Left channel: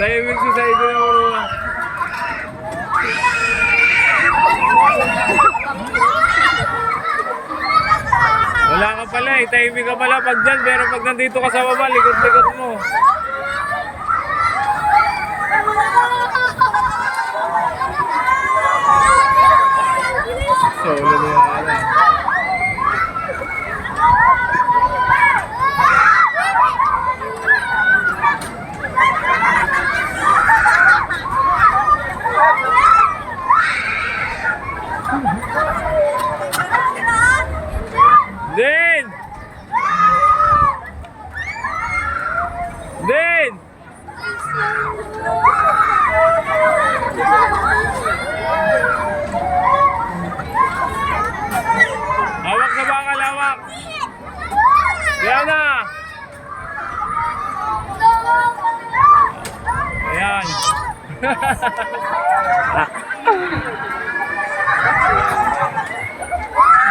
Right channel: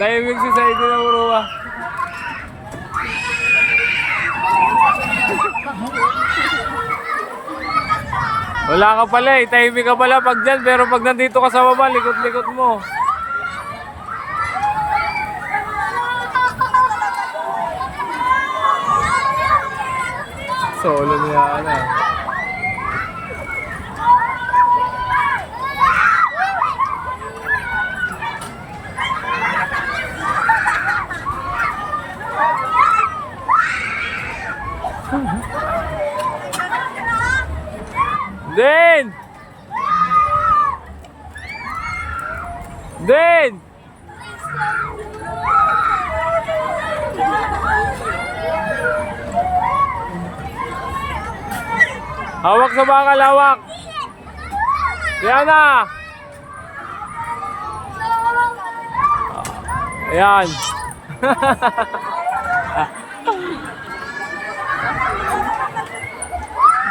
Tahimik si Saidi na uruwa. Wala ka pala eh. Tahimik ka pala pag dyan. Pero pag nandito ka sa baba, likot-likot mo. Solo niya na. Din! Din! Hawak sa bakal, hawak! Yan na! Ayan!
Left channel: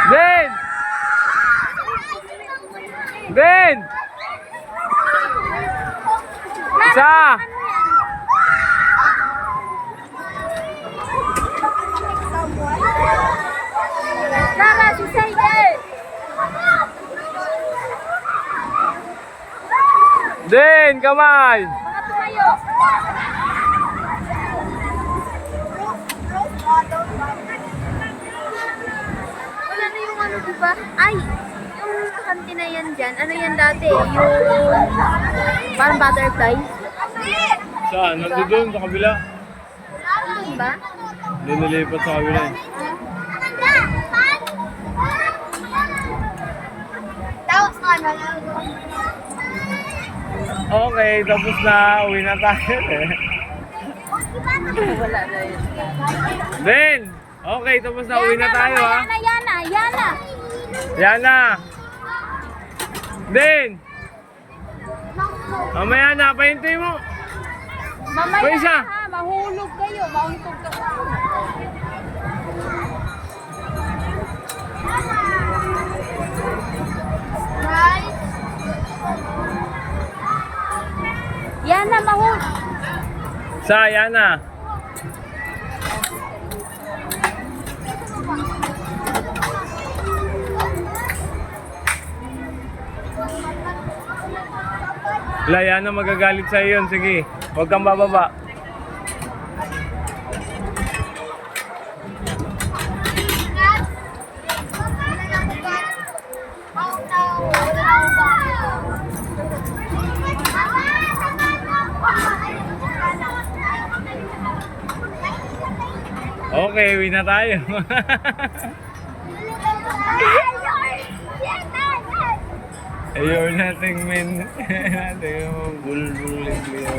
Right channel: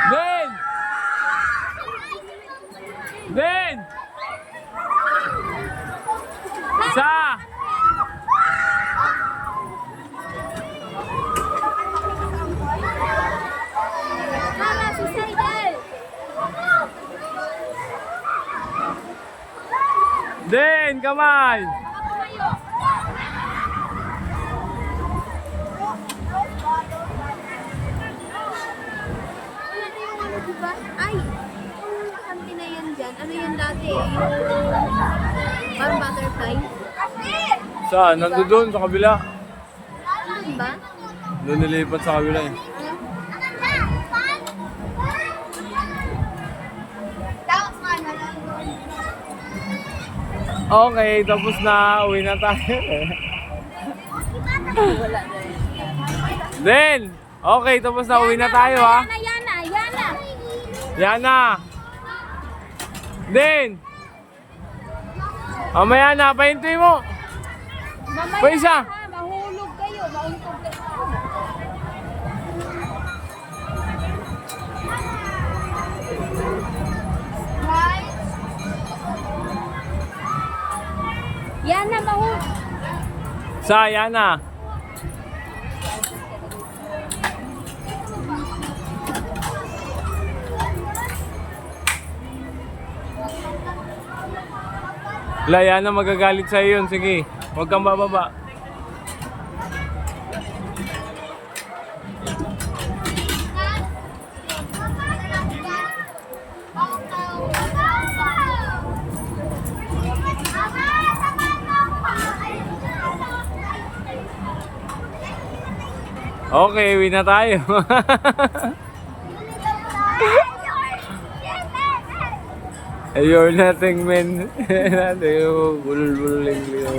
Din! Din! Isa! Lara, si Saidi! Din! Kamay! Mga tumayo! Wala na yung ano, diba? Ay! Yung kantina yan dyan. Ano yan dati? Yung parang butterfly. Saan? Nandun sa kabila. Ano ba? Doon nilipat sa kabila eh. Okay, tapos na. Uwi na tayo eh. Wala na yun. Din! Okay, tapos na. Uwi na tayo ha. Yana! Yan na. Din! Mamaya na, pahintuin mo. Mamaya Pa isa. ha, mahulog kayo, mauntog ka. Yana, mahulog. Yan na. Wala, yan na magagalit sa yun. Sige, huwag kang bababa. Okay, uwi na tayo. Ayun nating men. Natin yung bulbul yung liyo.